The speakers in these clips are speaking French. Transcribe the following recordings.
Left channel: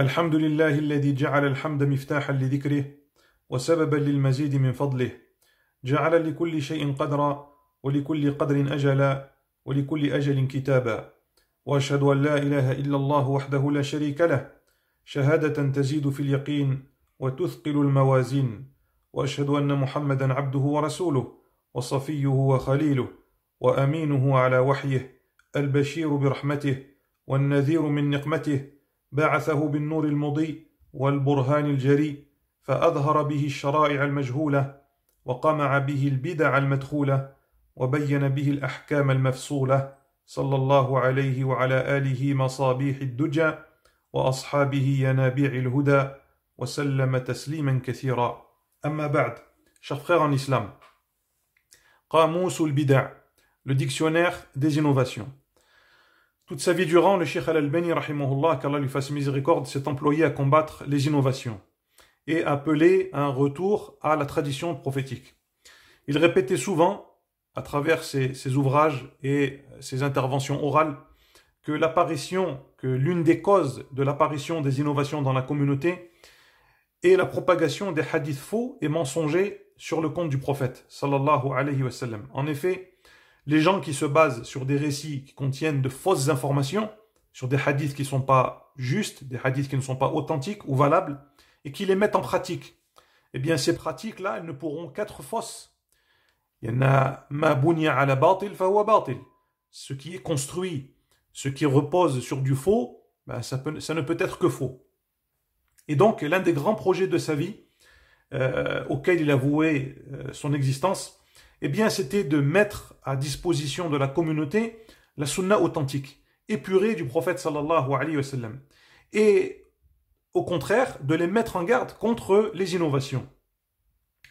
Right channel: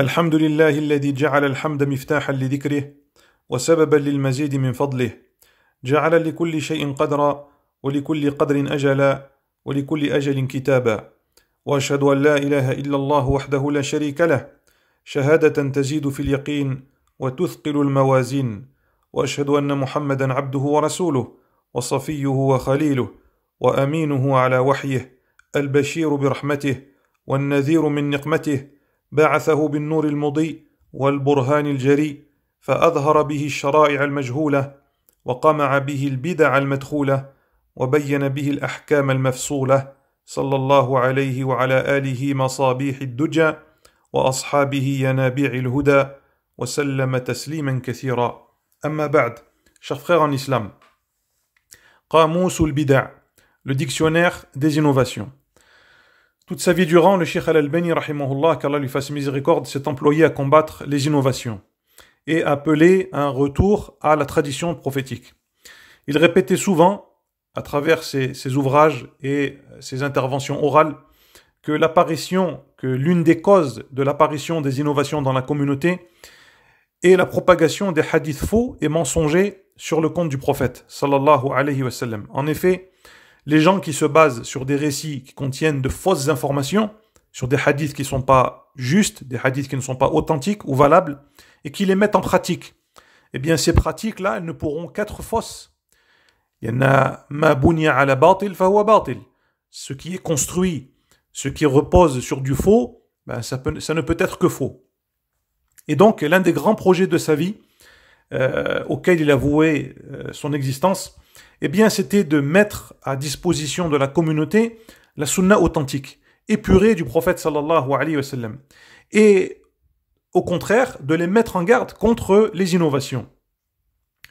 الحمد لله الذي جعل الحمد مفتاحا لذكره وسببا للمزيد من فضله جعل لكل شيء قدرا ولكل قدر أجلا ولكل أجل كتابا وأشهد أن لا إله إلا الله وحده لا شريك له شهادة تزيد في اليقين وتثقل الموازين وأشهد أن محمدا عبده ورسوله وصفيه وخليله وأمينه على وحيه البشير برحمته والنذير من نقمته بعثه بالنور المضيء والبرهان الجريء فأظهر به الشرائع المجهولة وقمع به البدع المدخولة وبين به الأحكام المفصولة صلى الله عليه وعلى آله مصابيح الدجى وأصحابه ينابيع الهدى وسلم تسليما كثيرا أما بعد. Chers frères en islam, قاموس البدع, le dictionnaire des innovations. Toute sa vie durant, le Cheikh Al-Albani, rahimahullah, qu'Allah lui fasse miséricorde, s'est employé à combattre les innovations et appeler à un retour à la tradition prophétique. Il répétait souvent, à travers ses ouvrages et ses interventions orales, que l'une des causes de l'apparition des innovations dans la communauté est la propagation des hadiths faux et mensongers sur le compte du prophète, sallallahu alayhi wa sallam. En effet, les gens qui se basent sur des récits qui contiennent de fausses informations, sur des hadiths qui ne sont pas justes, des hadiths qui ne sont pas authentiques ou valables, et qui les mettent en pratique, eh bien ces pratiques-là, elles ne pourront qu'être fausses. Il y en a ma bunya ala batil fahuwa batil. Ce qui est construit, ce qui repose sur du faux, ben ça ne peut être que faux. Et donc, l'un des grands projets de sa vie, auquel il a voué son existence, eh bien, c'était de mettre à disposition de la communauté la sunna authentique, épurée du prophète sallallahu alayhi wa sallam. Et au contraire, de les mettre en garde contre les innovations.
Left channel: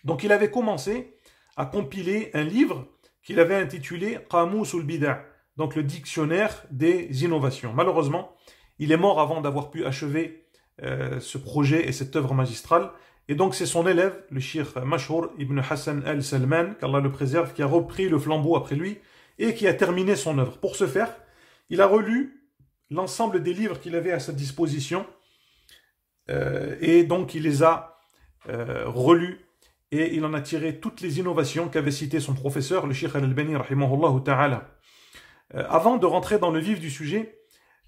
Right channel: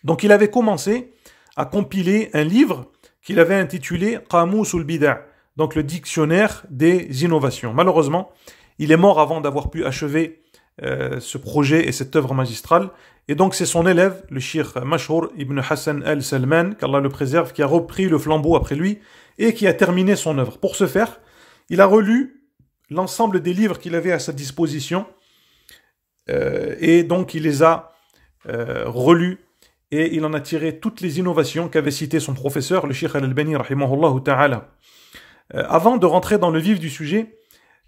Donc, il avait commencé à compiler un livre qu'il avait intitulé Qamus al-Bida', donc le dictionnaire des innovations. Malheureusement, il est mort avant d'avoir pu achever ce projet et cette œuvre magistrale. Et donc c'est son élève, le Cheikh Mashhour ibn Hassan al-Salman, qu'Allah le préserve, qui a repris le flambeau après lui et qui a terminé son œuvre. Pour ce faire, il a relu l'ensemble des livres qu'il avait à sa disposition et donc il les a relus et il en a tiré toutes les innovations qu'avait citées son professeur, le Cheikh Al-Albani, rahimahullah ta'ala. Avant de rentrer dans le vif du sujet,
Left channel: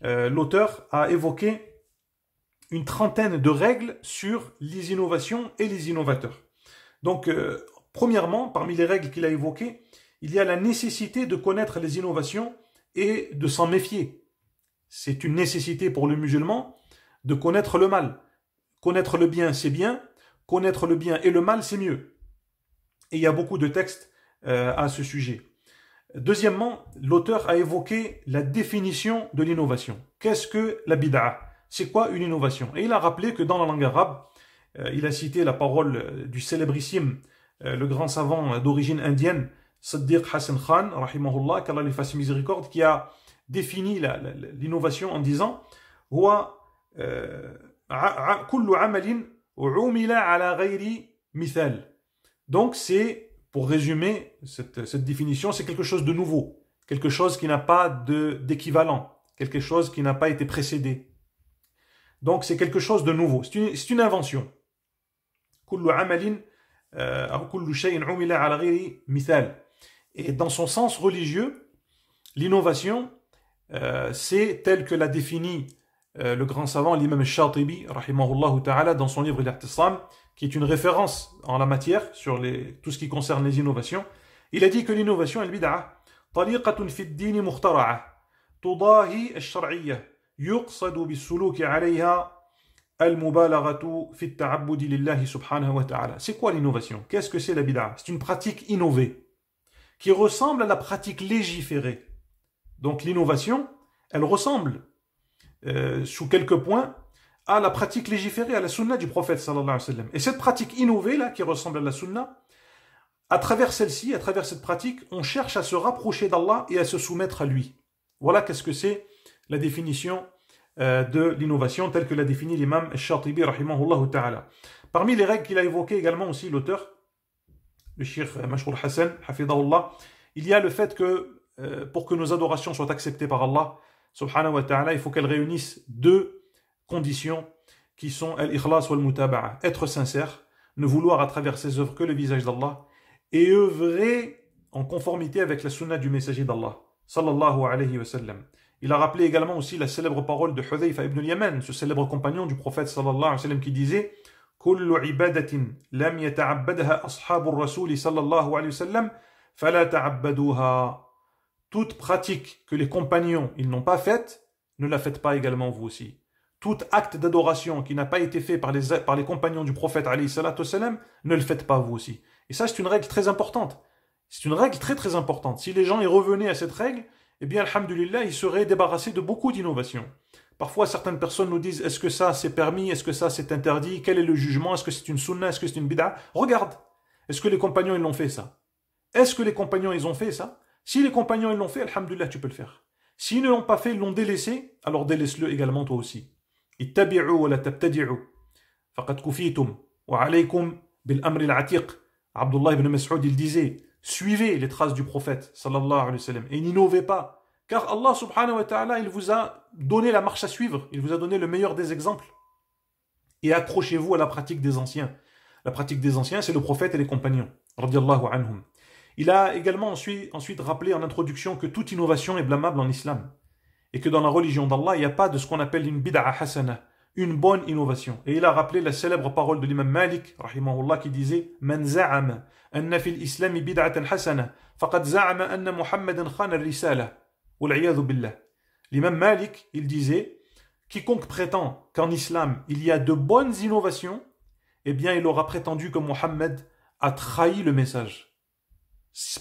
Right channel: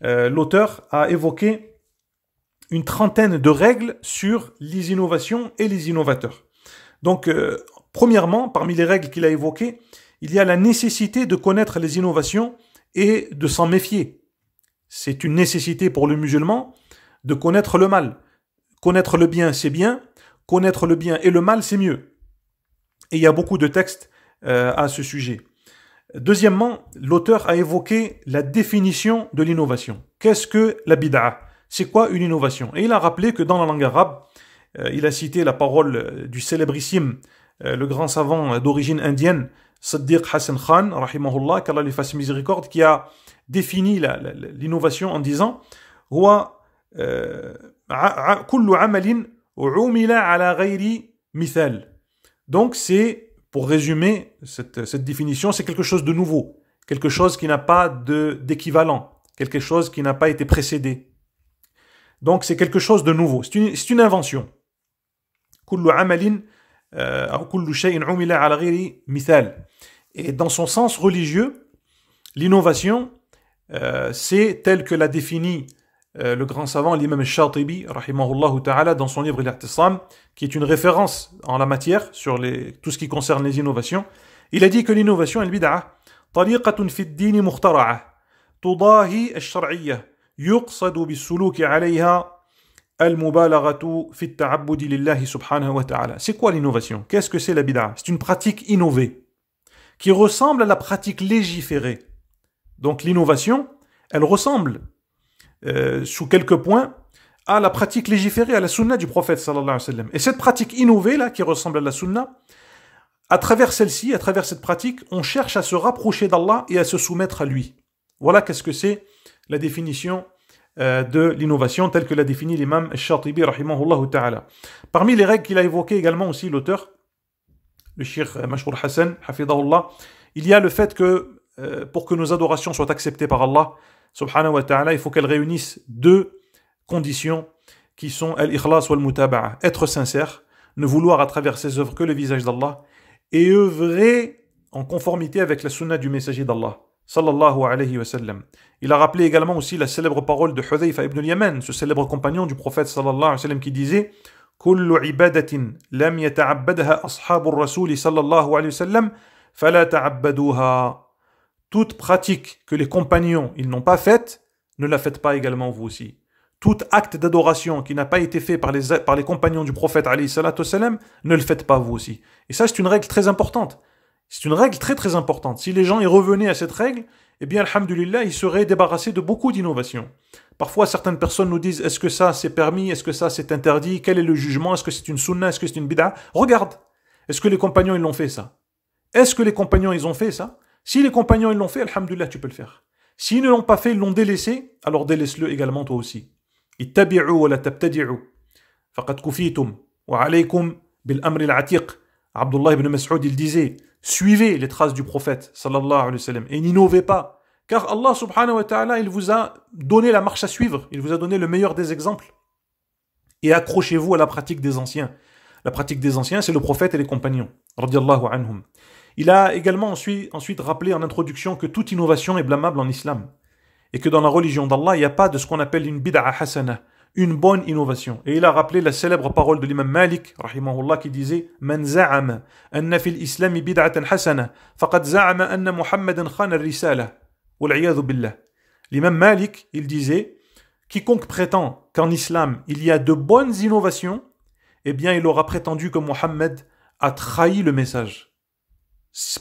l'auteur a évoqué une trentaine de règles sur les innovations et les innovateurs. Donc, premièrement, parmi les règles qu'il a évoquées, il y a la nécessité de connaître les innovations et de s'en méfier. C'est une nécessité pour le musulman de connaître le mal. Connaître le bien, c'est bien. Connaître le bien et le mal, c'est mieux. Et il y a beaucoup de textes à ce sujet. Deuxièmement, l'auteur a évoqué la définition de l'innovation. Qu'est-ce que la bid'a? C'est quoi une innovation? Et il a rappelé que dans la langue arabe, il a cité la parole du célébrissime, le grand savant d'origine indienne, Siddiq Hassan Khan, rahimahullah, qu'Allah lui fasse miséricorde, qui a défini l'innovation en disant Huwa kullu amalin umila ala ghayri mithal. Donc c'est, pour résumer cette définition, c'est quelque chose de nouveau, quelque chose qui n'a pas d'équivalent, quelque chose qui n'a pas été précédé. Donc c'est quelque chose de nouveau, c'est une invention. Et dans son sens religieux, l'innovation, c'est tel que l'a défini le grand savant, l'imam al-Shatibi, rahimahullah ta'ala, dans son livre Al-I'tisam, qui est une référence en la matière sur tout ce qui concerne les innovations. Il a dit que l'innovation, al-bid'a, tariqatun fi ad-din mukhtara'a, tudahi al-shar'iyyah. يقصد بالسلوك عليها المبالغة في التعبد لله سبحانه وتعالى. C'est quoi l'innovation? Qu'est-ce que c'est la bid'a? C'est une pratique innovée qui ressemble à la pratique légiférée. Donc l'innovation, elle ressemble sous quelques points à la pratique légiférée, à la sunna du prophète sallallahu alayhi wa sallam. Et cette pratique innovée là, qui ressemble à la sunna, à travers celle-ci, à travers cette pratique, on cherche à se rapprocher d'Allah et à se soumettre à lui. Voilà qu'est-ce que c'est la définition de l'innovation telle que l'a définie l'imam al-Shatibi rahimahullah ta'ala. Parmi les règles qu'il a évoquées également aussi l'auteur, le Cheikh Mashhour Hassan, hafidahullah, il y a le fait que pour que nos adorations soient acceptées par Allah subhanahu wa ta'ala, il faut qu'elles réunissent deux conditions. qui sont al-ikhlas wal-mutaba'a, être sincère, ne vouloir à travers ses œuvres que le visage d'Allah, et œuvrer en conformité avec la sunna du messager d'Allah, sallallahu alayhi wa sallam. Il a rappelé également aussi la célèbre parole de Hudhayfa ibn al-Yaman, ce célèbre compagnon du prophète sallallahu alayhi wa sallam, qui disait Kullu ibadatin lam yata'abbadha ashabur rasouli sallallahu alayhi wa sallam, fala ta'abbaduha. Toute pratique que les compagnons ils n'ont pas faite, ne la faites pas également vous aussi. Tout acte d'adoration qui n'a pas été fait par les compagnons du prophète alayhi salatu wassalam, ne le faites pas vous aussi. Et ça, c'est une règle très importante. C'est une règle très très importante. Si les gens y revenaient à cette règle, eh bien, alhamdulillah, ils seraient débarrassés de beaucoup d'innovations. Parfois, certaines personnes nous disent, est-ce que ça c'est permis, est-ce que ça c'est interdit, quel est le jugement, est-ce que c'est une sunna, est-ce que c'est une bid'a? Regarde, est-ce que les compagnons ils l'ont fait ça? Est-ce que les compagnons ils ont fait ça? Si les compagnons ils l'ont fait, alhamdulillah, tu peux le faire. S'ils ne l'ont pas fait, ils l'ont délaissé, alors délaisse-le également toi aussi. Ittabi'u wa la tabtadi'u. Faqad kufitum. Wa alaykum bil amri al-atiq. Abdullah ibn Mas'ud, il disait, suivez les traces du prophète, sallallahu alayhi wa sallam, et n'innovez pas. Car Allah subhanahu wa ta'ala, il vous a donné la marche à suivre, il vous a donné le meilleur des exemples. Et accrochez-vous à la pratique des anciens. La pratique des anciens, c'est le prophète et les compagnons, radiyallahu anhum. Il a également ensuite rappelé en introduction que toute innovation est blâmable en islam. Et que dans la religion d'Allah, il n'y a pas de ce qu'on appelle une bid'a hasana, une bonne innovation. Et il a rappelé la célèbre parole de l'imam Malik, rahimahullah, qui disait Man za'ama anna fil islami bid'atan hasana, faqad za'ama anna Muhammadan khana ar-risala. Wal'iyadhu billah. L'imam Malik, il disait quiconque prétend qu'en islam il y a de bonnes innovations, eh bien il aura prétendu que Mohammed a trahi le message.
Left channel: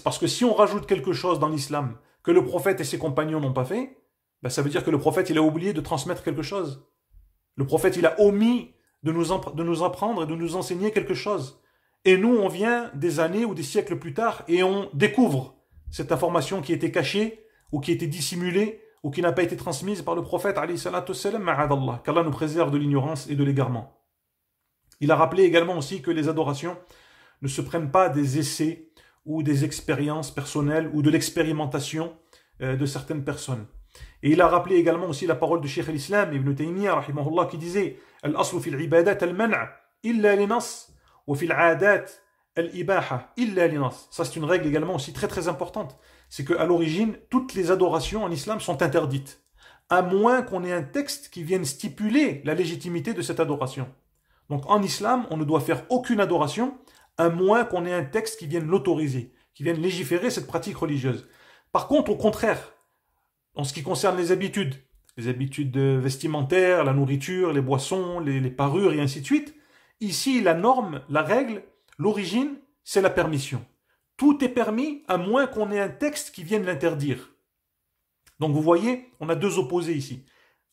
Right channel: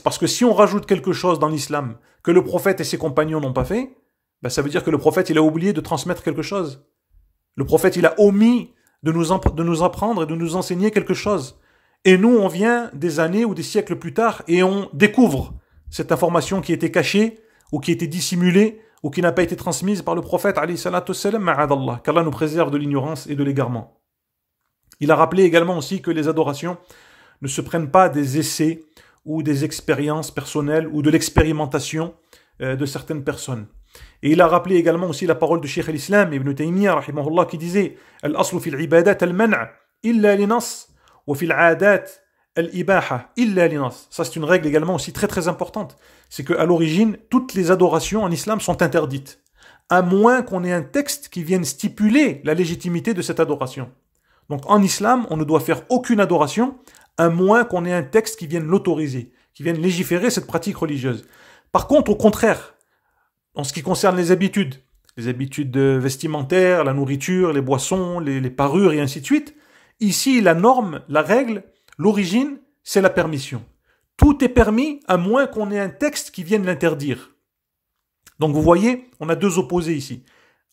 Parce que si on rajoute quelque chose dans l'islam que le prophète et ses compagnons n'ont pas fait, ben ça veut dire que le prophète il a oublié de transmettre quelque chose. Le prophète il a omis de nous apprendre et de nous enseigner quelque chose. Et nous on vient des années ou des siècles plus tard et on découvre cette information qui était cachée ou qui était dissimulée ou qui n'a pas été transmise par le prophète alayhi salatu wassalam, ma'adallah, qu'Allah nous préserve de l'ignorance et de l'égarement. Il a rappelé également aussi que les adorations ne se prennent pas des essais ou des expériences personnelles ou de l'expérimentation de certaines personnes. Et il a rappelé également aussi la parole de Cheikh al-Islam Ibn Taymiyyah rahimahullah qui disait Al-aslu fil ibadat al-man' illa linas wa fil aadat al-ibaha illa linas. Ça c'est une règle également aussi très très importante. C'est qu'à l'origine, toutes les adorations en islam sont interdites, à moins qu'on ait un texte qui vienne stipuler la légitimité de cette adoration. Donc en islam, on ne doit faire aucune adoration à moins qu'on ait un texte qui vienne l'autoriser, qui vienne légiférer cette pratique religieuse. Par contre, au contraire, en ce qui concerne les habitudes vestimentaires, la nourriture, les boissons, les parures et ainsi de suite, ici la norme, la règle, l'origine, c'est la permission. Tout est permis à moins qu'on ait un texte qui vienne l'interdire. Donc vous voyez, on a deux opposés ici.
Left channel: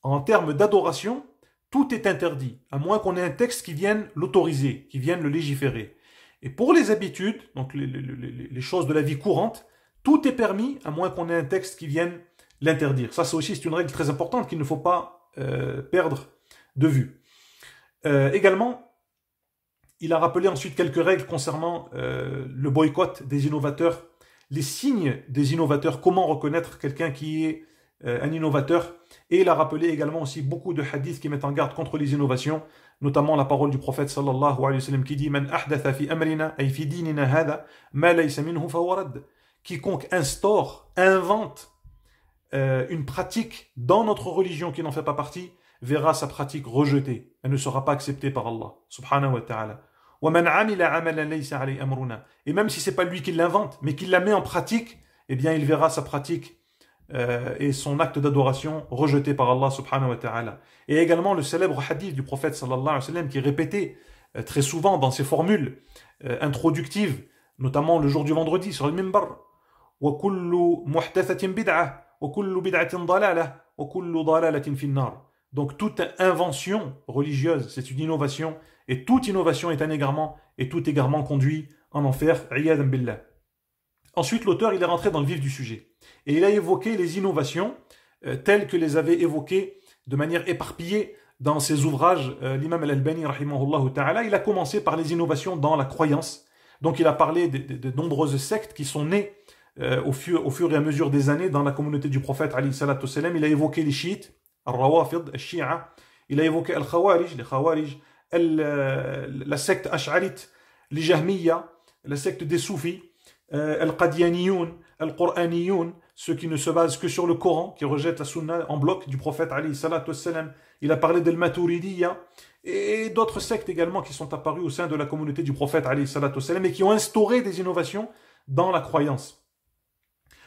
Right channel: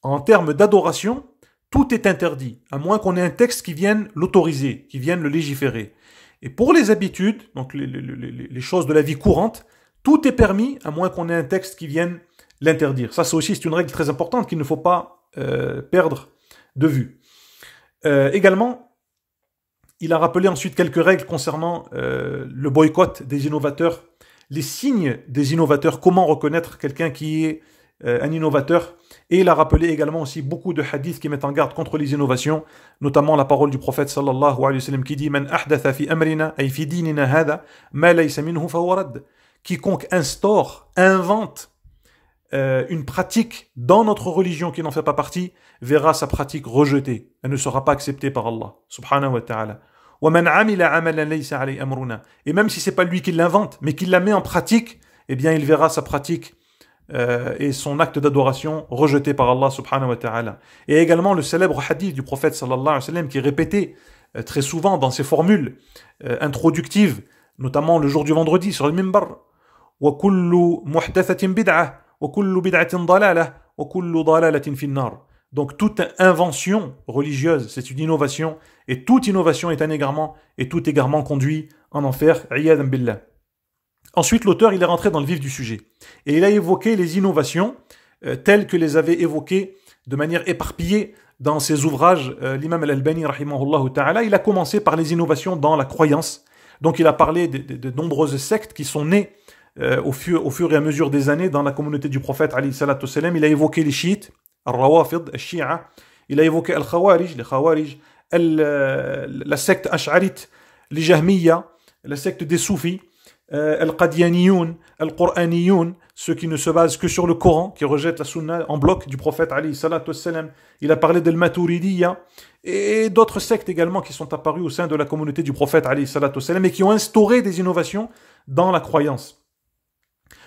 En termes d'adoration, tout est interdit, à moins qu'on ait un texte qui vienne l'autoriser, qui vienne le légiférer. Et pour les habitudes, donc les choses de la vie courante, tout est permis, à moins qu'on ait un texte qui vienne l'interdire. Ça, c'est une règle très importante qu'il ne faut pas perdre de vue. Également, il a rappelé ensuite quelques règles concernant le boycott des innovateurs, les signes des innovateurs, comment reconnaître quelqu'un qui est un innovateur. Et il a rappelé également aussi beaucoup de hadiths qui mettent en garde contre les innovations, notamment la parole du prophète sallallahu alayhi wa sallam qui dit Man ahdatha fi amrina ay fi dinina hada ma laysa minhu fa huwa radd. Quiconque instaure, invente une pratique dans notre religion qui n'en fait pas partie, verra sa pratique rejetée. Elle ne sera pas acceptée par Allah, subhanahu wa ta'ala. Et même si ce n'est pas lui qui l'invente, mais qu'il la met en pratique, eh bien il verra sa pratique et son acte d'adoration rejeté par Allah, subhanahu wa ta'ala. Et également le célèbre hadith du prophète sallallahu alayhi wa sallam qui est répété très souvent dans ses formules introductives, notamment le jour du vendredi sur le minbar. وَكُلُّ مُحْدَثَةٍ بِدْعَةٍ وَكُلُّ بِدْعَةٍ ضَلَالَةٍ وَكُلُّ ضَلَالَةٍ فِي النَّارِ. Donc toute invention religieuse, c'est une innovation, et toute innovation est un égarement, et tout égarement conduit en enfer. Iyadan billah. Ensuite, l'auteur il est rentré dans le vif du sujet, et il a évoqué les innovations telles que les avait évoquées de manière éparpillée dans ses ouvrages. L'imam al-Albani rahimahullah ta'ala, il a commencé par les innovations dans la croyance. Donc il a parlé de nombreuses sectes qui sont nées au fur et à mesure des années dans la communauté du prophète alayhi salatu wassalam. Il a évoqué les chiites, al-rawafid, al-shi'a, Il a évoqué Al-Khawarij, les Khawarij, la secte Ash'arite, les Jahmiya, la secte des Soufis, Al-Qadianiyoun, Al-Qur'aniyoun, ceux qui ne se basent que sur le Coran, qui rejettent la Sunna en bloc du prophète alayhi salatu wassalam. Il a parlé d'Al-Maturidiyya et d'autres sectes également qui sont apparues au sein de la communauté du prophète alayhi salatu wassalam et qui ont instauré des innovations dans la croyance.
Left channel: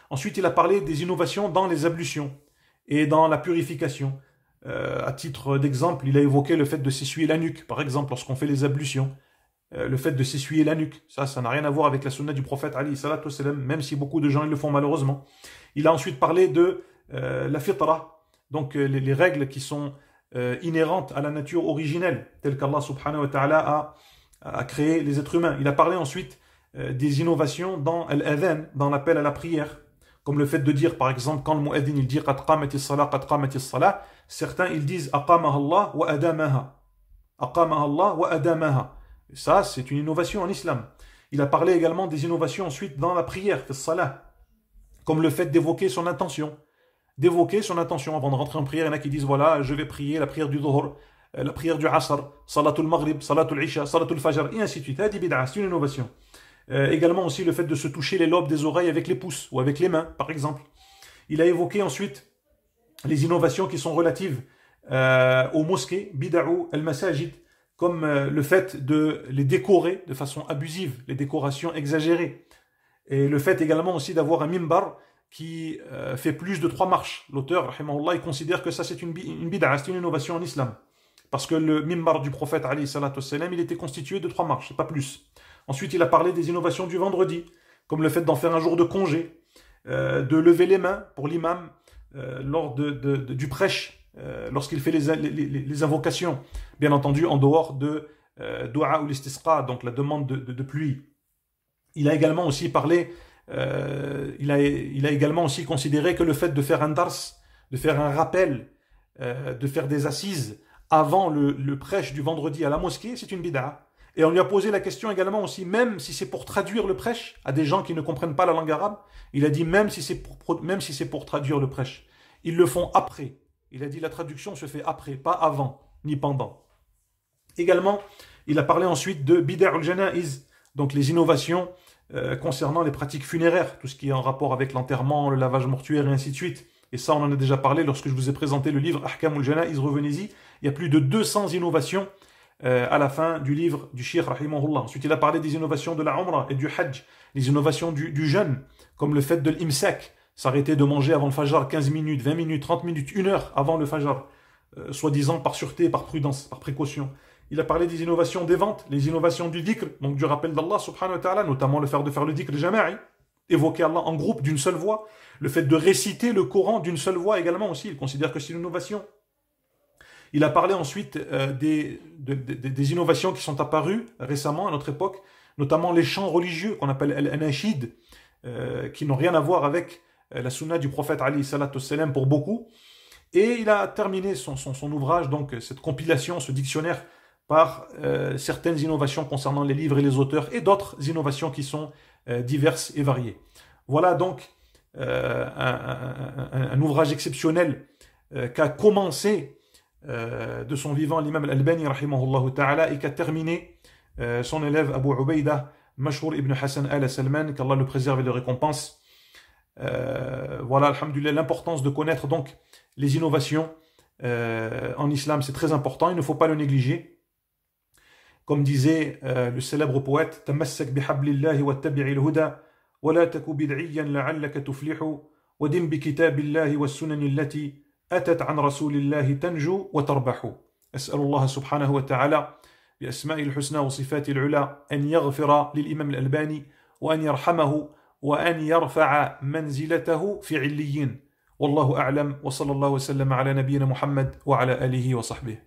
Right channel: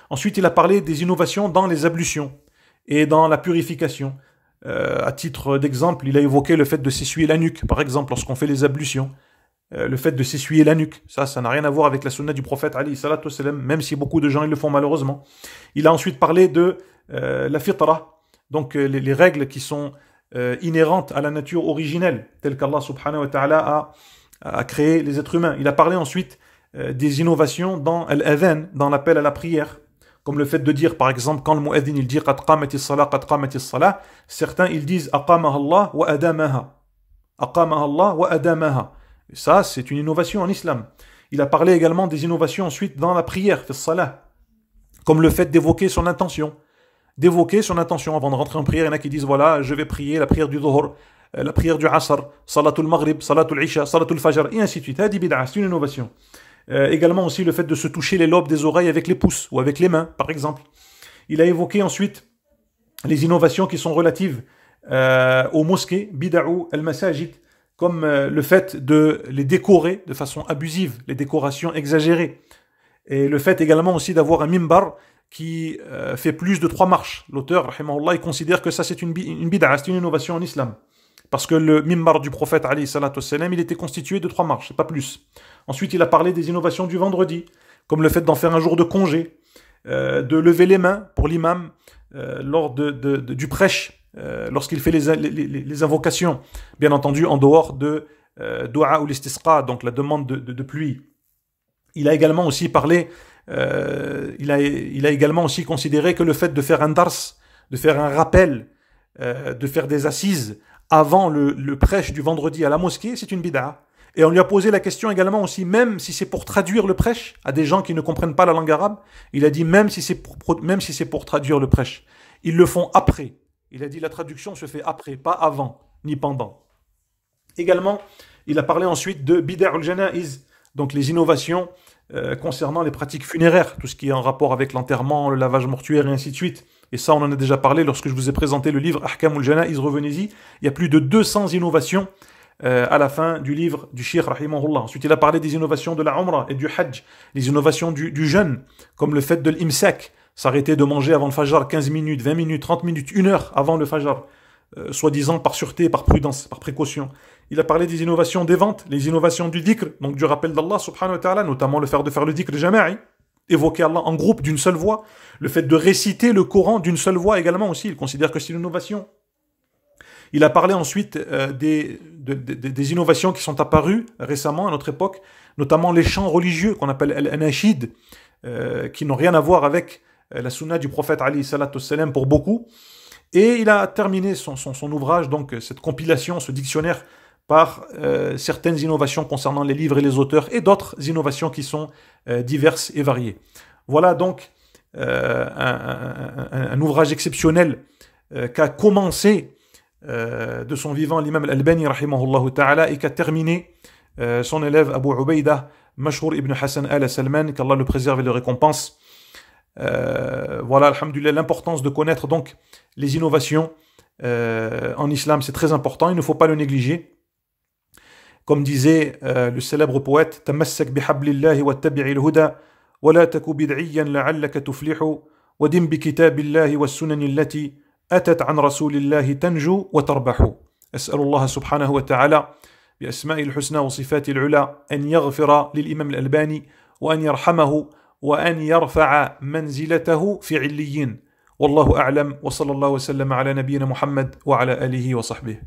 Ensuite, il a parlé des innovations dans les ablutions et dans la purification. À titre d'exemple, il a évoqué le fait de s'essuyer la nuque, par exemple, lorsqu'on fait les ablutions. Le fait de s'essuyer la nuque, ça n'a rien à voir avec la sunna du prophète alayhi salatu wassalam, même si beaucoup de gens le font malheureusement. Il a ensuite parlé de la fitra, donc les règles qui sont inhérentes à la nature originelle, telles qu'Allah subhanahu wa ta'ala a créé les êtres humains. Il a parlé ensuite des innovations dans l'adhan, dans l'appel à la prière, comme le fait de dire, par exemple, quand le mu'adhin il dit « Qad qamatis salah, qad qamatis salah », certains ils disent « Aqamaha Allah wa adamaha ». « Aqamaha Allah wa adamaha ». Ça, c'est une innovation en islam. Il a parlé également des innovations ensuite dans la prière, comme le fait d'évoquer son intention. D'évoquer son intention avant de rentrer en prière. Il y en a qui disent, voilà, je vais prier la prière du Dhuhr, la prière du Asr, Salatul Maghrib, Salatul Isha, Salatul Fajr, et ainsi de suite. C'est une innovation. Également aussi le fait de se toucher les lobes des oreilles avec les pouces ou avec les mains, par exemple. Il a évoqué ensuite les innovations qui sont relatives aux mosquées, bida'u al-masajid, comme le fait de les décorer de façon abusive, les décorations exagérées. Et le fait également aussi d'avoir un mimbar qui fait plus de 3 marches. L'auteur, rahimahullah, il considère que ça c'est une bid'a, c'est une innovation en islam. Parce que le mimbar du prophète, alayhi salatu wassalam, il était constitué de 3 marches, pas plus. Ensuite, il a parlé des innovations du vendredi, comme le fait d'en faire un jour de congé, de lever les mains pour l'imam lors du prêche, lorsqu'il fait les invocations, bien entendu en dehors de dua ou l'istisqa, donc la demande de pluie. Il a également aussi parlé, il a également aussi considéré que le fait de faire un dars, de faire un rappel, de faire des assises avant le prêche du vendredi à la mosquée, c'est une bid'a. Et on lui a posé la question également aussi, même si c'est pour traduire le prêche à des gens qui ne comprennent pas la langue arabe, il a dit même si c'est pour traduire le prêche, ils le font après. Il a dit la traduction se fait après, pas avant, ni pendant. Également, il a parlé ensuite de bid'a'ul janaiz, donc les innovations concernant les pratiques funéraires, tout ce qui est en rapport avec l'enterrement, le lavage mortuaire et ainsi de suite. Et ça, on en a déjà parlé lorsque je vous ai présenté le livre Ahkamul Janaiz, revenez-y. Il y a plus de 200 innovations à la fin du livre du Cheikh rahimahullah. Ensuite, il a parlé des innovations de la Umrah et du Hajj, les innovations du jeûne, comme le fait de l'imsak, s'arrêter de manger avant le Fajr 15 minutes, 20 minutes, 30 minutes, 1 heure avant le Fajr, soi-disant par sûreté, par prudence, par précaution. Il a parlé des innovations des ventes, les innovations du dhikr, donc du rappel d'Allah subhanahu wa ta'ala, notamment le fait de faire le dhikr jama'i, évoquer Allah en groupe d'une seule voix, le fait de réciter le Coran d'une seule voix également aussi, il considère que c'est une innovation. Il a parlé ensuite des innovations qui sont apparues récemment à notre époque, notamment les chants religieux qu'on appelle al-anashid, qui n'ont rien à voir avec la sunna du prophète alayhi salatu wassalam pour beaucoup. Et il a terminé son ouvrage, donc cette compilation, ce dictionnaire, par certaines innovations concernant les livres et les auteurs, et d'autres innovations qui sont diverses et variées. Voilà donc un ouvrage exceptionnel qu'a commencé de son vivant l'imam al-Albani rahimahullah ta'ala et qu'a terminé son élève Abu Ubaïda Mashhour ibn Hassan al-Salman, qu'Allah le préserve et le récompense. Voilà, alhamdulillah, l'importance de connaître donc les innovations en islam, c'est très important, il ne faut pas le négliger. Comme disait le célèbre poète, Tamassak bihablillahi wattabi'il huda wa la taku bid'iyan la'allaka tuflihu wa dim bi kitabillahi was sunani allati atat an rasulillahi tanju wa tarbahu. As'alullah subhanahu wa ta'ala bi asma'il husna wa sifatil ula an yaghfira lil imam al-Albani wa an yarhamahu wa an yarfa'a manzilatahu fi 'illiyin. Wallahu a'lam wa sallallahu wa sallam ala nabiyyina Muhammad wa ala alihi wa sahbihi.